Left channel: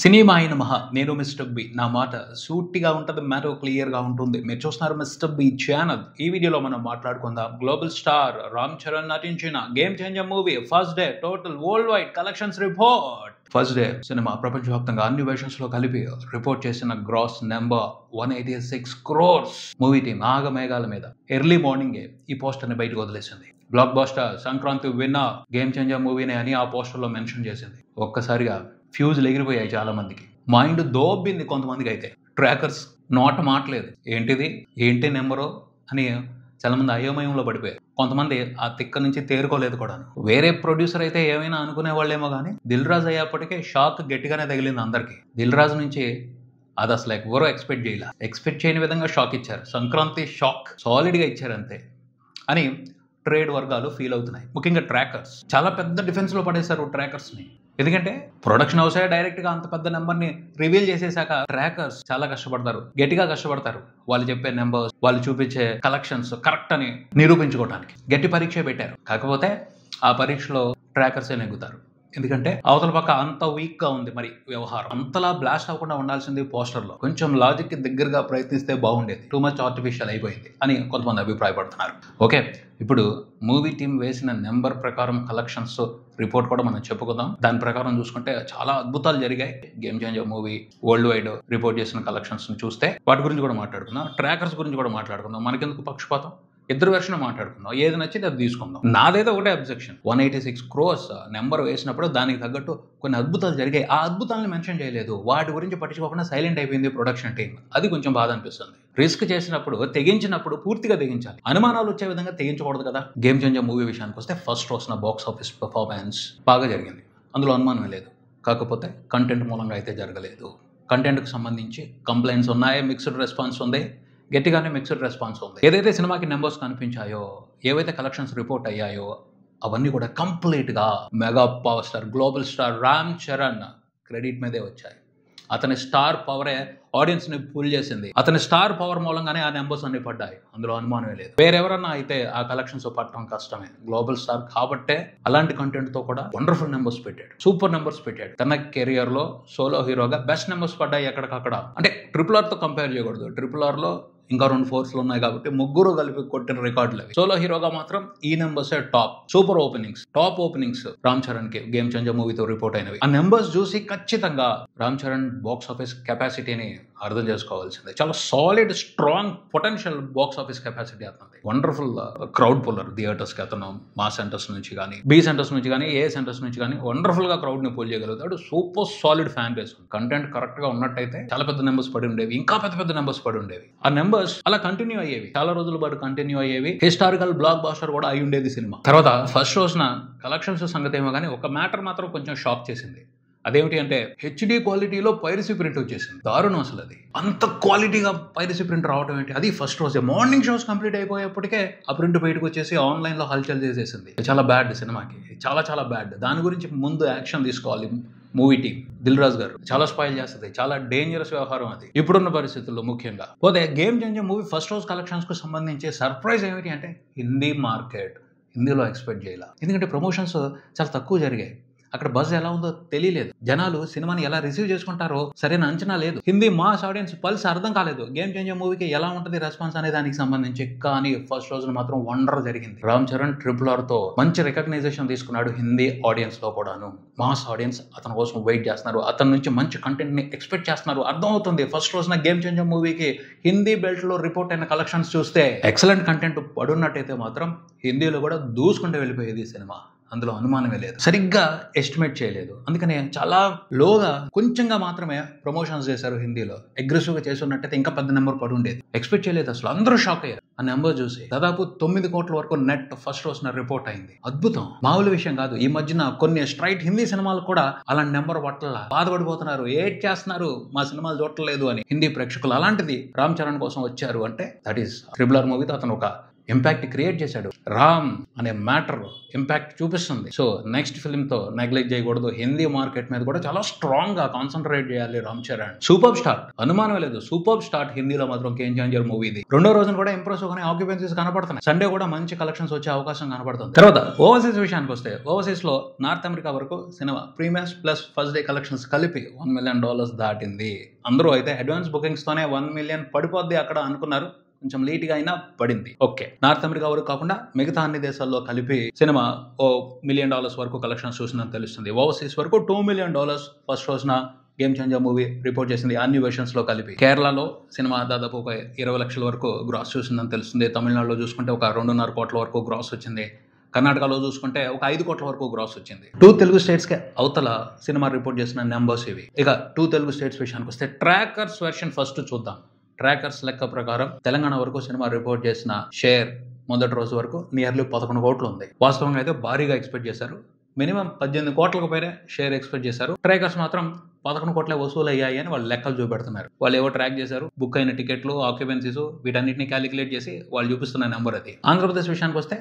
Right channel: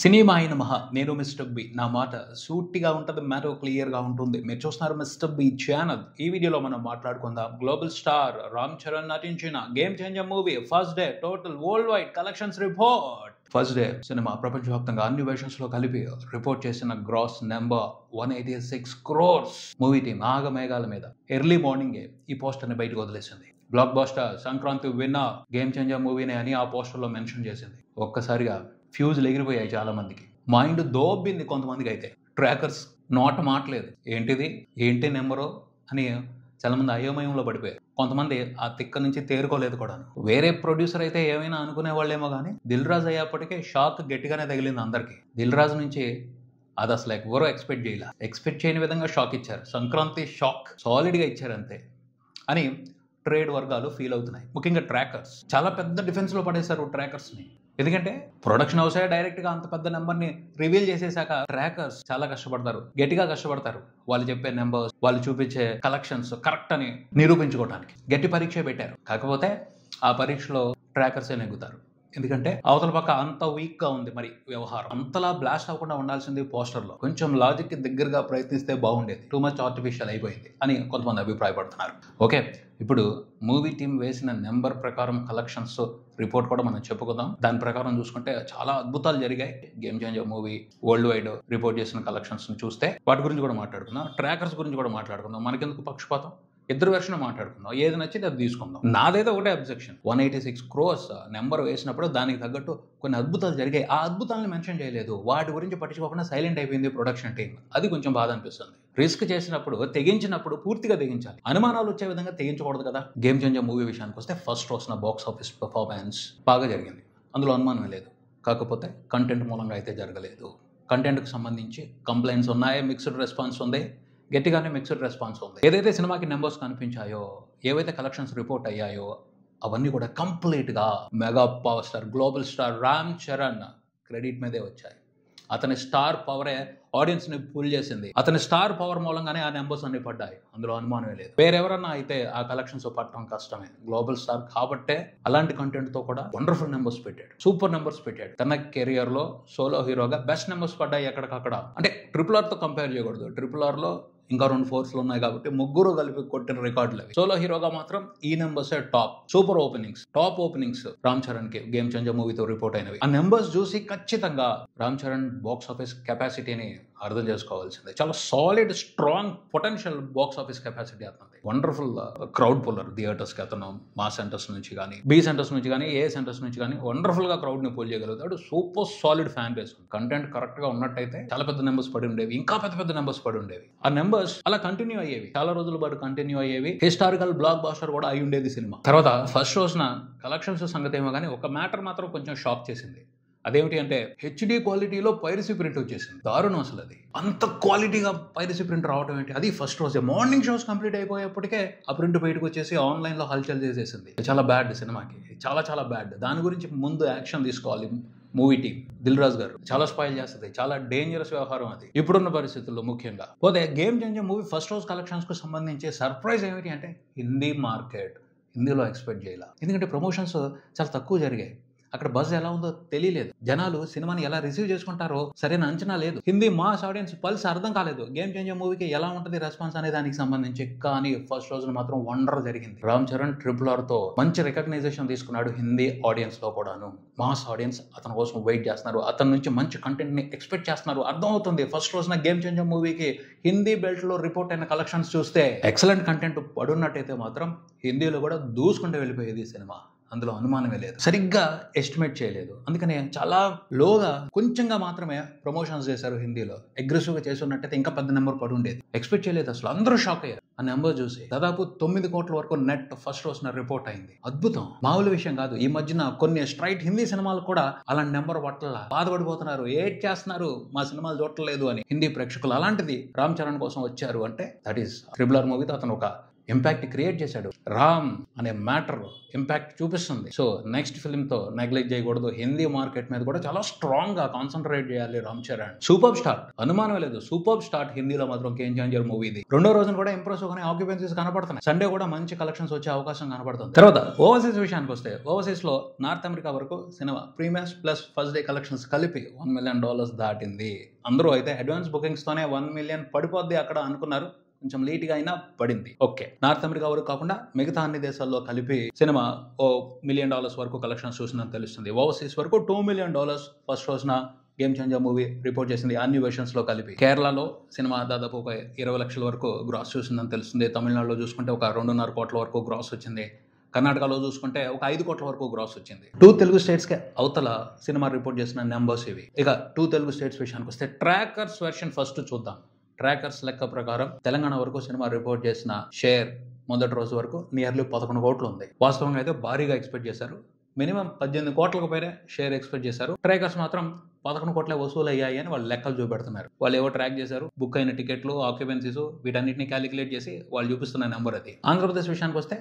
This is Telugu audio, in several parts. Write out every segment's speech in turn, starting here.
సినిమా అయిన మహా నేను మిస్టర్ బి. నా మాట సూటిగా ఉంటుంది, మ్యాటర్ క్లియర్గా ఉంటుంది. మీరు చూస్తున్నారు మిస్టర్ బి ఛానల్. ఈ వీడియోలో మనం మాట్లాడుకుందాం గ్లోబల్ స్టార్ రామ్ చరణ్ నటించిన game changer movie first day total world wide collections report. First day సినిమా ప్రపంచవ్యాప్తంగా అన్ని వెర్షన్స్ లో కలిపి రిపోర్ట్ చేసిన gross number 186 crores. Movie team ఆగమేఘాల మీద ఎర్లీ మార్నింగే ఈ పోస్టర్ ని బయటకు వదిలేసింది. Blockbuster Sankranti winner game changer మూవీనే అని ఆ పోస్టర్ లో మెన్షన్ చేసింది. ఒక్కసారిగా ఫ్యూజులు ఎగిరిపోయాయి చాలా మందికి, మైండ్ దోబ్బింది కొంతమందికి. అయితే ట్రాకర్స్ నోట మాట్లేదు, ఏంటి నెంబరు అని చాలా మంది అయోమయంలో పడిపోయారు. కొంతమంది ఆ తిక్క నుంచి తేరుకోలేదు కూడా. వేరే ప్రొడ్యూసర్ అయితే ఏమైనా అనుకునే వాళ్ళేమో కానీ దిల్ రాజు అయ్యేప్పటికే షాక్ గట్టిగానే తగిలింది అందరికి. దిల్ రాజు నుంచి అది అసలు ఎవరో ఎక్స్పెక్ట్ చేయని విధంగా షాక్ ఇచ్చారు. సంక్రాంతి షాక్ సాలిడ్ గా ఇచ్చారు అంతే అని ట్రేడ్ వర్గాలు ఫీల్ అవుతున్నాయి. ముఖ్యంగా ట్రాకర్స్ చాలా పెద్ద డిఫెన్స్ లో పడేశారు ట్రాకర్స్ ని. ఎందుకంటే ప్రొడక్షన్ హౌస్ డైరెక్ట్ గా అంత పెద్ద నెంబర్ ని రివీల్ చేసేసాక ట్రాకర్స్ చాలా కష్టపడతారు, గట్టిగా కష్టపడతారు. వాళ్ళు చెప్పే నెంబర్స్, వాళ్ళు చూపించే కలెక్షన్స్ కరెక్ట్ అని నిరూపించుకోవడానికి గట్టి పరీక్ష పెట్టారు. కాకపోతే ఆ పరీక్షలో ట్రాకర్స్ నెగ్గుతారు. ఎందుకంటే అవతల పక్క అంత వీక్ గా ఉంది మరి వ్యవహారం. అంతలా బ్లాస్ట్ అవ్వకుండా ఉండాల్సింది పోస్టర్ లో. కొంచెం లాజిక్ కి దగ్గరగా ప్రయత్నిస్తే బాగుండేది. టూ మచ్ ఆర్టిఫిషియల్ అయిపోయింది అని కొంతమంది అభిప్రాయపడుతున్నారు. ఓకే, ఇప్పుడు మూవీ టీం వేసిన నెంబర్ ప్రకారం కలెక్షన్స్ రిపోర్ట్ కూడా మనం చెప్పుకుందాం. దాని ప్రకారం చూసుకుంటే చాలా అద్భుతాలు జరిగాయి. Game changer movie world wide report చేసిన కలెక్షన్స్ చూస్తే వాటి గురించి కూడా మాట్లాడుకుందాం, ట్రాకర్స్ గురించి కూడా మాట్లాడుకుందాం. మనకెందుకు పక్షపాతం, ఇద్దరు వెర్షన్ మాట్లాడుకుందాం, ఏది నచ్చితే అది తీసుకుందాం. నాదైతే ఒకటే అబ్జెక్షన్, 186 crores నెంబర్ వేసినప్పుడు దానికి తగ్గట్టు కొన్ని అద్భుతాలు జరిగాయి. ఆ అద్భుతాలను మెన్షన్ చేయలేదు, వాటి గురించి పట్టించుకోకుండా సైలెంట్ అయిపోయింది ప్రొడక్షన్ టీం. అది కొంచెం బాధ అనిపిస్తుంది. రిస్క్ చేసినప్పుడు, తెగించినప్పుడు పూర్తిగా తెగించాలి. అనుమానాలు వచ్చే విధంగా తెగించకూడదు కదా. గేమ్ చేంజర్ మూవీ విషయానికి వస్తే ఫస్ట్ రోజున బాక్స్ ఆఫీస్ పర్ఫార్మెన్స్ బాగా జరిగింది, అందులో అనుమానమే లేదు. కాకపోతే కంటెంట్ మూలంగా అయితే జరగలేదు. కంటెంట్కి సంబంధించి కంప్లైంట్స్ ఉన్నాయి, మిక్స్డ్ రెస్పాన్స్ ఉంది, గట్టిగానే మిక్స్డ్ రెస్పాన్స్ ఉంది. ఏదైతే సినిమాకి నెంబర్స్ కనిపించాయో, ఏవైతే కలెక్షన్స్ రిపోర్ట్ అయ్యాయో అవన్నీ కూడా కంప్లీట్ గా mega power star global star Ram Charan credit మీదే వచ్చాయి. అతని స్టార్ పవరే ఆడియన్స్ ని పుల్ చేసింది. అతని స్టార్ పవర్ మూలంగానే ఆ నెంబర్స్ అన్ని పడ్డాయి, అందులో అనుమానమే లేదు. వేరెవరన్నా అయితే ఆ కలెక్షన్స్ పట్టడం కష్టమే. గ్లోబల్ స్టార్ కాబట్టే అలాంటి కంటెంట్ తో కూడా వండర్ఫుల్ నెంబర్స్ పెట్టాడు, సూపర్ నెంబర్స్ పెట్టాడు. తన కెరియర్ లో సోలో హీరోగా బెస్ట్ నెంబర్స్ పడ్డాయి ఎక్కడికక్కడ. అంటే RRR తో కంపేర్ చేయకూడదు. RRR లో ఇంకా 2 4s ఉన్నాయి కాబట్టి ముగ్గురు కలిపి కొట్టిన రికార్డులు అవి. సోలో హీరోగా మాత్రం ఈ numbers top. Super top openings Ram Charan కి గేమ్ చేంజర్ మూవీతో రిపోర్ట్ అయినవి. ఆ నెంబర్స్ చూసి ఖచ్చితంగా రామ్ చరణ్ బాక్స్ ఆఫీస్ కెపాసిటీని అర్థం చేసుకోవాల్సిందే. చాలా solid, strong, potential box office capacity అతనిది. Wonderful crowd puller. థియేటర్స్ కి అతను మా సెంటర్స్ నుంచి కానీ, బి సెంటర్స్ నుంచి కానీ, ఏ సెంటర్స్ నుంచి కానీ వండర్ఫుల్ గా క్రౌడ్ ని పుల్ చేయగలుగుతాడు. Super solid fan base. Content correct గా ఉన్నట్టయితే చాలా పెద్ద నెంబర్స్ పడి ఉండేవి, ఇంకా పెద్ద నెంబర్స్ పడి ఉండేవి. ఆ నెంబర్స్ అలా కంటిన్యూ అయ్యేవి, చాలా రోజుల పాటు కంటిన్యూ అయ్యేవి. హిస్టారికల్ బ్లాక్ బాస్టర్ కూడా అయి ఉండేది సినిమా. తర్వాత ఫస్ట్ రోజున కలెక్షన్స్ సంగతి ఏమో కానీ ఒక మ్యాటర్ మాత్రం కొంచెం షాక్ చేసింది. అదేమిటి అంటే HD క్వాలిటీలో పైరసీ ప్రింట్ వచ్చేసింది. దారుణం అసలు. అది అంత క్వాలిటీగా పైరసీ ప్రింట్ రావడం ఏంటి, అది ఫస్ట్ రోజే. మార్నింగ్ షోస్ కంప్లీట్ అయిపోయేప్పటికే ఆ ప్రింట్ బయటకు వచ్చేసి ఆన్లైన్ లో హల్చల్ చేసేసింది. చాలా బ్యాడ్ సినిమాకి, చాలా బ్యాడ్. దాని గురించి ముందు యాక్షన్ తీసుకోవాలి మూవీ టీం. దిల్ రాజు గారు చాలా స్పాయిల్ చేస్తుంది, చాలా డేంజరస్ వ్యవహారం అది ఇప్పుడున్న పరిస్థితుల్లో. ముఖ్యంగా పోతే గేమ్ చేంజర్ మూవీ ఫస్ట్ రోజు కలెక్షన్స్ కు సంబంధించి సర్ప్రైజ్ ఏమిటి అంటే హిందీ మార్కెట్. హిందీలో ఎక్స్పెక్ట్ చేయాలి, ఎందుకంటే ప్రమోషన్స్ చాలా తక్కువ జరిగాయి. అక్కడ బజ్ ఎలా ఉందో తెలియలేదు. జనాలు సినిమాని ఎలా రిసీవ్ చేసుకుంటారో సరైన అంచనా లేదు. హిందీ మాస్ ఆడియన్స్ పల్స్ అర్థం కాలేదు. గేమ్ చేంజర్ మూవీకి ఎలా ఉంటుంది రెస్పాన్స్ అనే దానికి సంబంధించి. కానీ ఫస్ట్ రోజున మాత్రం వండర్ జరిగింది. రామ్ చరణ్ RRR తో మంచి రికగ్నైజేషన్ తీసుకున్నాడు హిందీ ఆడియన్స్ లో కూడాను. మాస్ ఆడియన్స్ అతని కోసం వెయిట్ చేస్తున్నారు, అతని నుంచి మంచి కంటెంట్ ని ఎక్స్పెక్ట్ చేస్తున్నారు. అర్థం అవుతుంది. ఫస్ట్ రోజున గేమ్ చేంజర్ మూవీకి హిందీ బెల్ట్ లో రిపోర్ట్ అయిన కలెక్షన్స్ చూస్తే ఎక్సలెంట్ కంటెంట్ పడున్నట్టయితే మాత్రం హిందీలో కూడా దూసుకుంటూ వెళ్ళిపోయేది సినిమా, అందులో అనుమానమే లేదు. సరిగ్గా ఎస్టిమేట్ చేయలేదు, అందుకనే చాలా లోగా కొంచెంగా మాత్రమే ప్రమోషన్స్ చేశారు. హిందీలో అగ్రెసివ్ గా చేస్తున్నట్టయితే ఇంకా పెద్ద నెంబర్ పడి ఉండేది. ఎక్స్పెక్ట్ చేయలేదు అసలు. అందరూ షాక్ అయ్యారు ఆ నెంబర్ చూసి. దాదాపు 9 కోట్ల వరకు నెట్ ఫస్ట్ రోజున రిపోర్ట్ అయింది. అద్భుతం, మామూలు విషయం కాదు. ఈ మధ్యన కొన్ని స్ట్రైట్ హిందీ సినిమాలు కూడా అలాంటి నెంబర్ పట్ల బాధపడిపోతున్నారు, ఏడ్ చేస్తున్నారు, మా సినిమాలు చూడలేదు అని హిందీ ప్రేక్షకులు. అలాంటిది రామ్ చరణ్ కోసం వచ్చారు అంటే దట్ ఈస్ RRR మూవీతో అతను ఒక ఇంపాక్ట్ క్రియేట్ చేశాడు. రామ్ అనే మ్యాటర్ ఇంపాక్ట్ చూపిస్తుంది. సో నెక్స్ట్ ఫిల్మ్ తో నెగ్లెక్ట్ చేయకూడదు. హిందీ మార్కెట్ మీద కూడా చాలా స్ట్రాంగ్ గా కాన్సన్ట్రేట్ చేయాలి రామ్ చరణ్. సూపర్ స్టార్, అనుమానం లేదు. సూపర్ స్టార్ హిందీలో మాత్రం గేమ్ చేంజర్ మూవీ ఇది. రెండో రోజున కూడా ఇంప్రెసివ్ గానే ఆక్యుపెన్సీస్ కనపడుతున్నాయి. సండే కూడా మంచి కలెక్షన్స్ వచ్చే అవకాశం కనపడుతుంది. తర్వాత ఓవర్సీస్ విషయానికి వస్తే, ఓవర్సీస్ లో నార్త్ అమెరికా వరకు cinema premieres plus first day collections కలిపి $1 million దాటింది. అందరూ అయితే అడ్వాన్స్ బుకింగ్స్ తోనే 1 million పడిపోద్ది అక్కడ అనుకున్నారు. కొంచెం లేట్ గా అయినా పడింది. ఓకే, నార్త్ అమెరికా వరకు కాకుండా మిగతా అన్ని దేశాల్లో కలిపి సినిమా $1 million వరకు కలెక్షన్స్ చూసిందని తెలుస్తుంది. ఓవర్సీస్ వరకు $2 million ఫస్ట్ రోజున గేమ్ చేంజర్ మూవీ రిపోర్ట్ చేసింది, అన్ని వెర్షన్స్ లో కలిపి. కేరళలో సినిమా దాదాపు ఒక 20 లక్షల వరకు గ్రాస్ చూసిందని తెలుస్తుంది. తమిళనాడులో చూసుకుంటే ఒక 2.5 కోట్ల వరకు గ్రాస్ వచ్చింది. కర్ణాటకలో చూసుకుంటే ఒక 5 కోట్ల వరకు గ్రాస్ వచ్చింది. 2 తెలుగు స్టేట్స్ కి అవతల సినిమా రిపోర్ట్ చేసిన నెంబర్స్ ఇవి. ఇక 2 తెలుగు స్టేట్స్ విషయానికి వస్తే ట్రాకర్స్ వెర్షన్ ఫస్ట్ చూద్దాం. ట్రాకర్స్ లెక్క ప్రకారం తెలంగాణ వరకు సినిమా రిపోర్ట్ చేసిన షేర్ మొదటి రోజు వరకు నియర్లీ 11 కోట్లు ఉంది. వాస్తవంగా అయితే భారీగా ఎక్స్పెక్ట్ చేశారు. మినిమం 18 కోట్లకు పైన షేర్ ఎక్స్పెక్ట్ చేశారు. ట్రాకర్స్ మాత్రం 11 కోట్లే వసూలు అయ్యాయి అని వాళ్ళు లెక్కలు చూపెడుతున్నారు. వాళ్ళు ఏవో ట్రాక్ చేశారు, బుక్ అయిన టికెట్లు, ఆక్యుపెన్సీస్, వీటన్నిటిని క్యాలిక్యులేట్ చేసి వాళ్ళు చూపిస్తున్న నెంబర్ అది. ఆంధ్రప్రదేశ్ విషయానికి వస్తే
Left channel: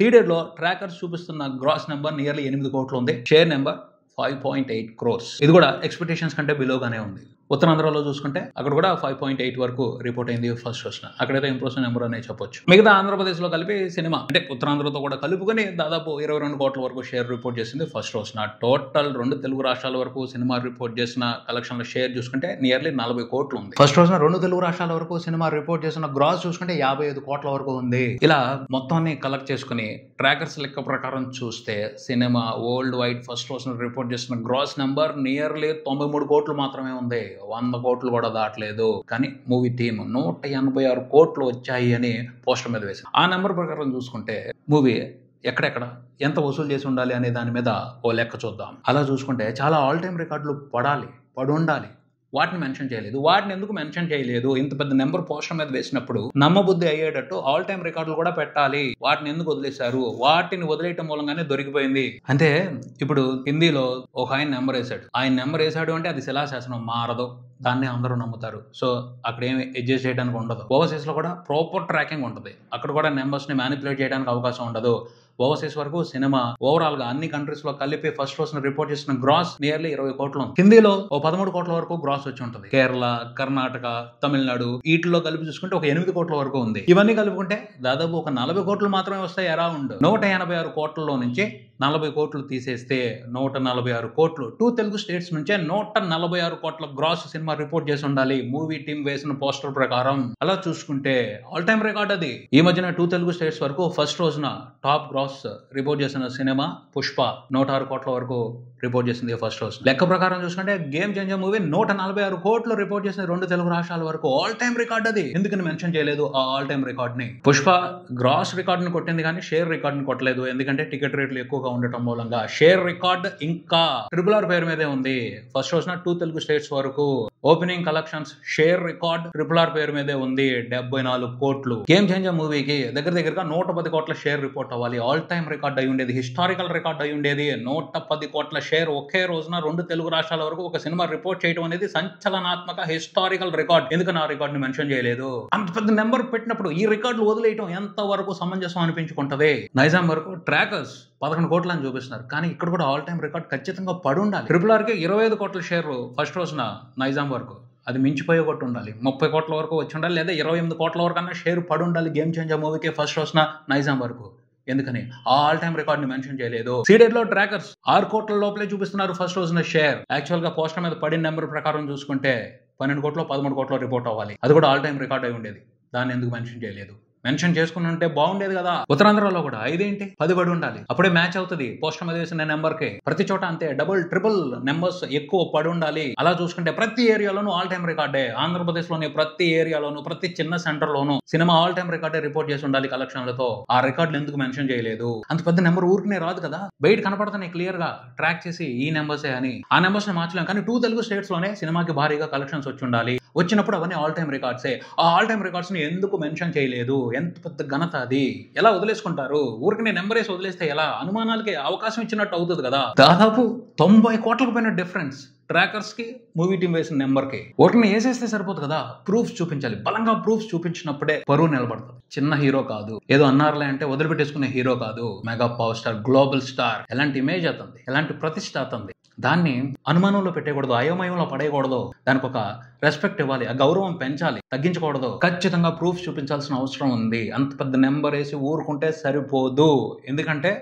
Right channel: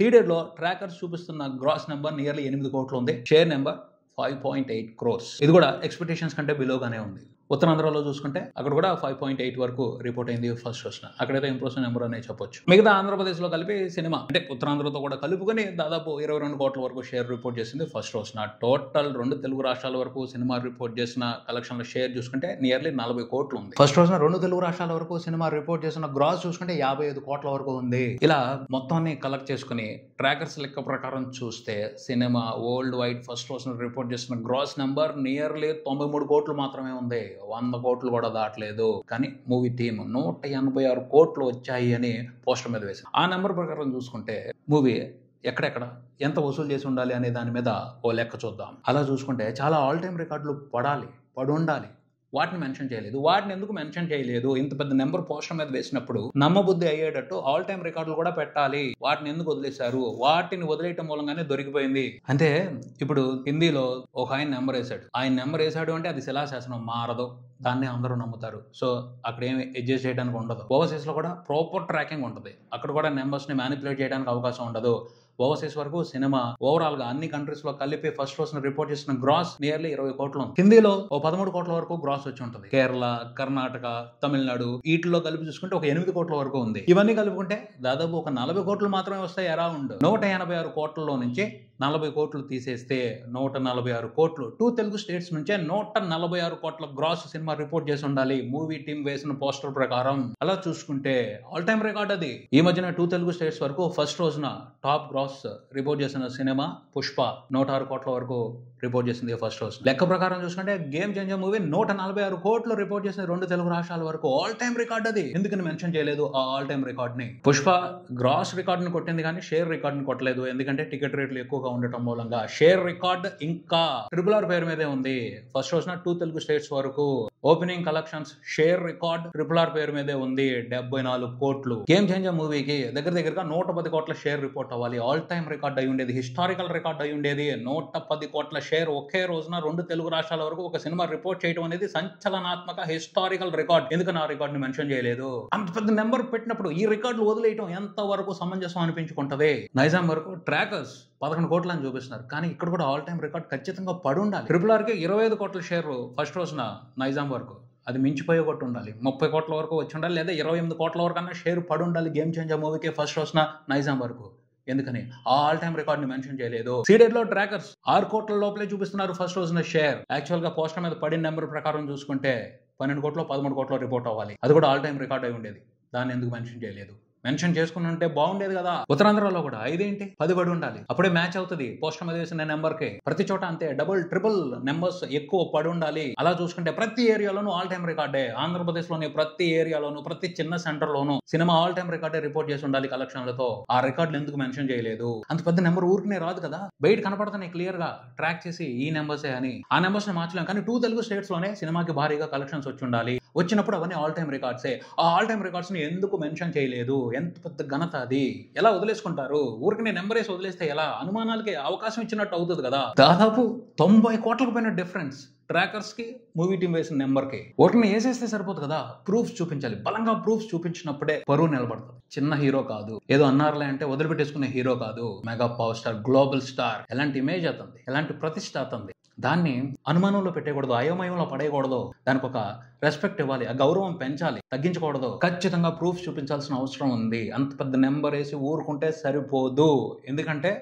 సీడెడ్ లో ట్రాకర్స్ చూపిస్తున్న గ్రాస్ నెంబర్ నియర్లీ 8 కోట్లు ఉంది. Share number 5.8 crores. ఇది కూడా ఎక్స్పెక్టేషన్స్ కంటే బిలోగానే ఉంది. ఉత్తరాంధ్రలో చూసుకుంటే అక్కడ కూడా 5.8 వరకు రిపోర్ట్ అయింది ఫస్ట్ రోజున. అక్కడైతే ఇంప్రెసివ్ నెంబర్ అనే చెప్పొచ్చు. మిగతా ఆంధ్రప్రదేశ్ లో కలిపి సినిమా అంటే ఉత్తరాంధ్రతో కూడా కలుపుకొని దాదాపు 22 కోట్ల వరకు షేర్ రిపోర్ట్ చేసింది ఫస్ట్ రోజున. టోటల్ 2 తెలుగు రాష్ట్రాల వరకు సినిమా రిపోర్ట్ చేసిన కలెక్షన్ల షేర్ చూసుకుంటే నియర్లీ 40 కోట్లు ఉంది. ఫస్ట్ రోజున 2 తెలుగు రాష్ట్రాల వరకు సినిమా రిపోర్ట్ చేసిన గ్రాస్ చూసుకుంటే 55 కోట్ల వరకు ఉంది. ఇలా మొత్తాన్ని కలెక్ట్ చేసుకుని ట్రాకర్స్ లెక్క ప్రకారం చూస్తే సినిమా వరల్డ్ వైడ్ ఫస్ట్ రోజున రిపోర్ట్ చేసిన గ్రాస్ నెంబర్ నియర్లీ 93 కోట్లు మాత్రమే ఉంది. 100 కోట్లు కూడా దాటలేదు. కానీ మూవీ టీమ్ 186 కోట్లు వచ్చాయి అని పోస్టర్ మీద వేసింది. ఆ నెంబర్ ప్రకారం చూసుకుంటే మూవీ ఎక్కడెక్కడ ఎంత వసూలు చేసి ఉండాలి అనే దాని మీద ఓ లెక్క చూద్దాం. అలా చూసుకుంటే చాలా ఆల్ టైమ్ రికార్డులు పడి ఉండాలి. వాటిని మెన్షన్ చేయలేదు. వాటిని ఎందుకు మెన్షన్ చేయలేదు? ఇంత పెద్ద నెంబర్ పోస్టర్ మీద వేసినప్పుడు నమ్మబుద్ధి అయ్యేటట్టు ఆల్ టైమ్ రికార్డులు కూడా పెట్టాలి. వాటిని ఎందుకు వదిలేశారు? వాటిని వదిలేయటం మూలంగానే దొరికిపోయింది. అంటే ఇప్పుడు హిందీలో ఒక ఆయన నెంబర్ వేసాడు అంటే అది శిలాశాసనం, మారదు. దాన్ని అందరూ నమ్ముతారు. సో అక్కడ ఏమి అడ్జస్ట్ చేయడానికి ఉండదు. ఓవర్సీస్ లో కూడా ప్రాపర్ ట్రాకింగ్ ఉంటుంది. అక్కడ కూడా నెంబర్స్ ని మ్యానిపులేట్ చేయడానికి అవకాశం ఉండదు. ఓవర్సీస్ వరకు సినిమా ఓవరాల్ గా అన్ని కంట్రీస్ లో కలిపి ఫస్ట్ రోజున రిపోర్ట్ చేసిన గ్రాస్ నియర్లీ 20 కోట్లు ఉంది. హిందీలో 13 కోట్ల వరకు గ్రాస్ వచ్చి ఉంటుంది. కేరళ, కర్ణాటక, తమిళనాడు వీటిలో కలిపి చూసుకుంటే ఒక 8 కోట్ల వరకు ఉంది. ఇవన్నీ కలుపుకుంటే దాదాపు ఒక 40 కోట్లు మాత్రమే వస్తాయి. అరౌండ్ 186 కోట్లలో నుంచి 40 కోట్లు తీసేస్తే 146 కోట్లు. 2 తెలుగు స్టేట్స్ నుంచే 146 కోట్ల గ్రాస్ సినిమా రిపోర్ట్ చేసి ఉండాలి మూవీ టీం వేసిన పోస్టర్ ప్రకారం. అలా చూసుకుంటే ఆల్ టైమ్ రికార్డ్ అది. ఈ మధ్యన 2 తెలుగు స్టేట్స్ వరకు ఫస్ట్ రోజున టాప్ గ్రాస్ రిపోర్ట్ చేసిన సినిమా పుష్ప 106 కోట్ల వరకు రిపోర్ట్ చేసింది ఫస్ట్ రోజు. లెక్క ప్రకారం చూసుకుంటే గేమ్ చేంజర్ మూవీ 146 కోట్లు రిపోర్ట్ చేసిన 2 తెలుగు రాష్ట్రాల వరకు. ఆల్ టైమ్ రికార్డ్ అది. ఎందుకని మెన్షన్ చేయలేదు ఆ ఆల్ టైమ్ రికార్డ్ ని? పుష్ప గ్రాస్ రికార్డ్ ని కొట్టింది కానీ షేర్ రికార్డ్ ని కొట్టలేదు. ఎందుకంటే టికెట్ రేట్లు ఎక్కువగా ఉండటం మూలంగా. షేర్ రికార్డ్ ఇంకా RRR పేరు మీదే ఉంది. ఫస్ట్ రోజున 2 తెలుగు స్టేట్స్ వరకు opening collections share record RRR పేరు మీదే ఉంది, 74 కోట్లు. గేమ్ చేంజర్ మూవీకి దగ్గరగా 110 కోట్ల షేర్ రిపోర్ట్ అవ్వాలి. ఆల్ టైమ్ రికార్డ్ అయి ఉండేది, హిస్టారికల్ రికార్డ్ అయి ఉండేది. 110 కోట్ల షేర్ ఒకే రోజున 2 తెలుగు రాష్ట్రాల వరకు ఒక సినిమా రిపోర్ట్ చేయడం అనేది సంచలనాత్మక హిస్టారికల్ రికార్డ్. ఎందుకని ఆ రికార్డ్ ని మెన్షన్ చేయలేదు? అంత పెద్ద నెంబర్ పెట్టినప్పుడు ఈ రికార్డులు వదిలేయటం ఎంత వరకు సమంజసం అనిపించుకుంటది? నైజాం వరకు ట్రాకర్స్ 11 కోట్లు అని చూపిస్తున్నారు. కానీ ఇక్కడ కూడా ఆల్ టైమ్ రికార్డ్ ఖచ్చితంగా పడి ఉండాలి. RRR కి 25 కోట్ల షేర్ ఫస్ట్ రోజున నైజాం వరకు. అది మించిపోయే కొట్టు ఉండాలి. 30 కోట్ల వరకు వచ్చి ఉండాలి, లేదా 28 కోట్ల వరకు అన్నా షేర్ పడి ఉండాలి గేమ్ చేంజర్ మూవీకి ఫస్ట్ రోజున నైజాం వరకు. ఎందుకని ఆ ఆల్ టైమ్ రికార్డ్ ని మెన్షన్ చేయలేదు? సీడెడ్ లో ట్రాకర్స్ 6 కోట్ల లోపలే చూపిస్తున్నారు ఫస్ట్ రోజున షేర్. యాక్చువల్ గా పోస్టర్ మీద పడిన నెంబర్ ప్రకారం చూసుకుంటే 12 కోట్లు 13 కోట్లు రిపోర్ట్ అవ్వాలి. అది కూడా ఆల్ టైమ్ రికార్డ్ అయి ఉండేది. దాన్ని ఎందుకు మెన్షన్ చేయలేదు? మెన్షన్ చేసుకుని ఉంటే బాగుండేది కదా. ఉత్తరాంధ్రలో కూడా 5 10 పడి ఉండాలి. అప్పుడే మ్యాచ్ అవుతుంది పోస్టర్ మీద వేసిన నెంబర్ కి. ప్రతి చోట అంతే డబుల్ ట్రిపుల్ నెంబర్స్ ఎక్కువ పడి ఉండాలి. అలా చూసుకుంటే ప్రతి ఏరియాలోనూ ఆల్ టైమ్ రికార్డే. ఆంధ్రప్రదేశ్ లోని ప్రతి ఏరియాలోనూ ప్రతి చిన్న సెంటర్ లోనూ సినిమా ఆల్ టైమ్ రికార్డే రిపోర్ట్ చేసి ఉండాలి కలెక్షన్లతో. ఆ రికార్డులు ఎందుకు మెన్షన్ చేయలేదు? అంత పెద్ద నెంబర్ ఊరికనే రాదు కదా. బయట కనపడుతున్నాయి క్లియర్ గా ట్రాక్ చేసి ఈ నెంబర్సే అని. ఆ నెంబర్స్ ని మార్చలేం. కానీ 2 తెలుగు స్టేట్స్ లోనే సినిమాకి భారీగా కలెక్షన్స్ వచ్చి ఉండాలి. వచ్చినప్పుడు అవన్నీ ఆల్ టైమ్ రికార్డ్సే. ఆ ఆల్ టైమ్ రికార్డ్స్ ని ఎందుకు మెన్షన్ చేయలేదు? ఎంత పెద్ద ఘనత అది. ఎలా వదిలేసుకుంటారు? ఊరికి నెంబర్ వేసి వదిలేస్తే ఎలా? అనుమానాలకి అవకాశం ఇచ్చినట్టు అవుతుంది కదా. దాదాపు 90 కోట్లకు పైన డిఫరెన్స్ ట్రాకర్స్ కి, మూవీ టీం వేసిన నెంబర్ కి ఓట్లని వేసేస్తే సరిపోదు కదా, ప్రూఫ్స్ చూపించాలి. బలంగా ప్రూఫ్స్ చూపించినప్పుడే పరువు నిలబడుతుంది. చిన్న హీరో కాదు, ఏదో అన్నారులే అంటే వదిలిపెట్టేసుకునే హీరో కాదు, mega power star, global star. ఎలాంటి ఇమేజ్ అతంది, ఎలాంటి ప్రతిష్ట అతంది. దాన్ని అనుమానంలో పెట్టకూడదు, అయోమయంలో పడేయకూడదు. దానికి ఒక రెస్పెక్ట్ ఇవ్వాలి, ఆ గౌరవం పెంచాలి, తగ్గించకూడదు. ఖచ్చితంగా ప్రూఫ్ చూపించాల్సిన అవసరం ఉంది. అంత పెద్ద నెంబర్ వేసి ఊరుకుంటే సరిపోదు. ఎందుకంటే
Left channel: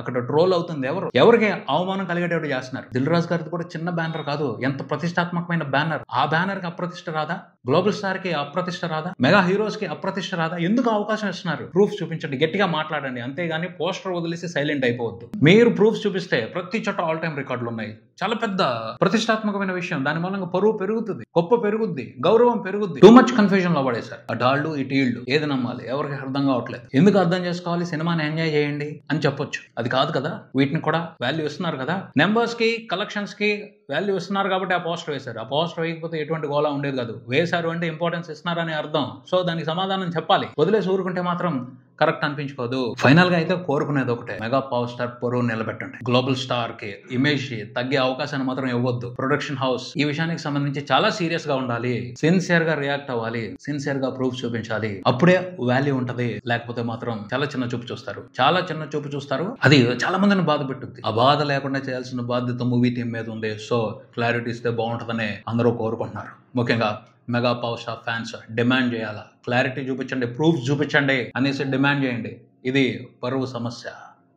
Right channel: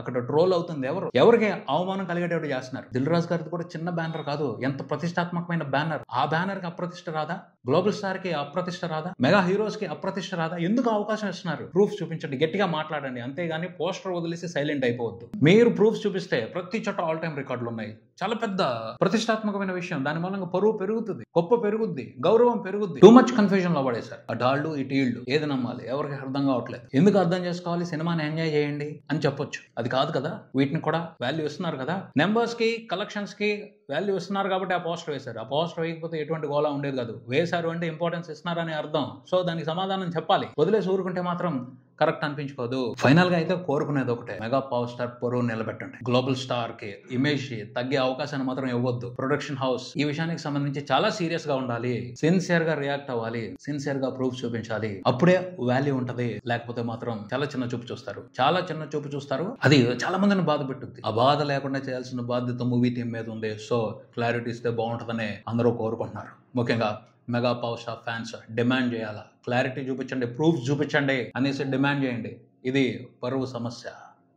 అక్కడ ట్రోల్ అవుతుంది. ఎవరికి అవమానం కలిగేటట్టు చేస్తున్నారు. దిల్ రాజు గారిది కూడా చిన్న బ్యానర్ కాదు, ఎంత ప్రతిష్టాత్మకమైన బ్యానర్. ఆ బ్యానర్ కి అప్రతిష్ట రాదా? గ్లోబల్ స్టార్ కి అప్రతిష్ట రాదా? మెగా హీరోస్ కి అప్రతిష్ట రాదా? ఎందుకు అవకాశం ఇస్తున్నారు? ప్రూఫ్ చూపించండి, గట్టిగా మాట్లాడండి, అంతేగాని పోస్టర్ వదిలేసి సైలెంట్ అయిపోవద్దు. మీరు ప్రూఫ్ చూపిస్తే ప్రతి చోట ఆల్ టైమ్ రికార్డులు ఉన్నాయి. చాలా పెద్ద ప్రతిష్టాత్మకమైన విషయం. దాని మూలంగా పరువు పెరుగుతుంది, గొప్ప పెరుగుద్ది, గౌరవం పెరుగుద్ది. టూ మచ్ కన్ఫ్యూజన్ లో పడేశారు. ఆ డాళ్ళు ఇటు ఈళ్ళు, ఏది నమ్మాలి ఎవరికి అర్థం కావట్లేదు. ఎందుకు అర్థం చేసుకోవాలి? సినిమాని ఎంజాయ్ చేయండి అని చెప్పొచ్చు. అది కాదు కదా. వీటిని కూడా వాల్యూ ఇస్తున్నారు కదా, నెంబర్స్ కి, కలెక్షన్స్ కి వాల్యూ ఇస్తున్నారు కాబట్టి ఆ పోస్టర్ వేశారు. ఆ పోస్టర్ వేయకపోతే ఎటువంటి గోళ ఉండేది కాదు. వేశారు అంటే ఇంపార్టెన్స్ ఇస్తున్నారని అర్థం. సో దానికి సమాధానం చెప్పాలి. వదిలేసి ఊరుకుంటే మాత్రం కరెక్ట్ అనిపించుకోదు. ఫైనల్ గా అయితే కోరుకునేది ఒకటే, మెగా పవర్ స్టార్ పరువు నిలబెట్టండి. గ్లోబల్ స్టార్ కి ఇమేజ్ తగ్గే అవకాశాన్ని మాత్రం ఇవ్వద్దు. ప్రొడక్షన్ హౌస్ ఈ విషయానికి సంబంధించి చాలా సీరియస్ గా ఉండాలి, సిన్సియర్ గా రియాక్ట్ అవ్వాలి, సిన్సియర్ గా ప్రూఫ్ చూపించాలి. అప్పుడే వాల్యూ ఉంటది. లేకపోతే మాత్రం చాలా చిన్న చూపు చూస్తారు, చాలా చిన్న చూపు చూస్తారు. అది చాలా మందిని బాధ పెట్టుద్ది. ఆ బాధ లేకుండా చేయాల్సిన బాధ్యత మూవీ టీం మీద ఉంది. సో క్లారిటీ ఇస్తే బాగుంటుందని అందరూ కోరుకుంటున్నారు. ముఖ్యంగా mega power star fans demand చేయాలా, క్లారిటీ చూపించండి, ప్రూఫ్ చూపించండి అనేసి డిమాండ్ చేయండి. ఇది పరువు సమస్య,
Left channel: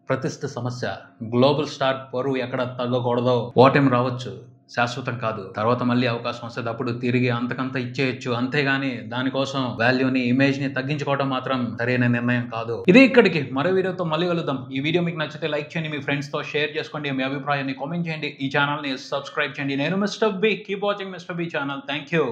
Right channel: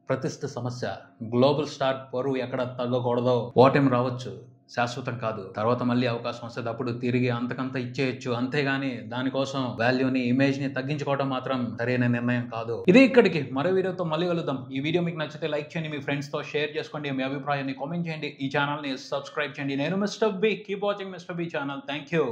ప్రతిష్ఠ సమస్య. గ్లోబల్ స్టార్ పరువు ఎక్కడ తగ్గకూడదో. ఓటమి రావచ్చు, శాశ్వతం కాదు. తర్వాత మళ్ళీ అవకాశం వస్తుంది, అప్పుడు తిరిగి అంతకంత ఇచ్చేయచ్చు. అంతేగాని దానికోసం వాల్యూని, ఇమేజ్ ని తగ్గించుకోవడం మాత్రం సరైన నిర్ణయం కాదు. ఇది ఇక్కడికి. మరో వీడియోతో మళ్ళీ కలుద్దాం. ఈ వీడియో మీకు నచ్చితే లైక్ చేయండి, మీ ఫ్రెండ్స్ తో షేర్ చేసుకోండి, మీ అభిప్రాయాన్ని కామెంట్ చేయండి, ఈ ఛానల్ ని సబ్స్క్రైబ్ చేయండి. నేను Mr B. Keep watching Mr B channel. Thank you.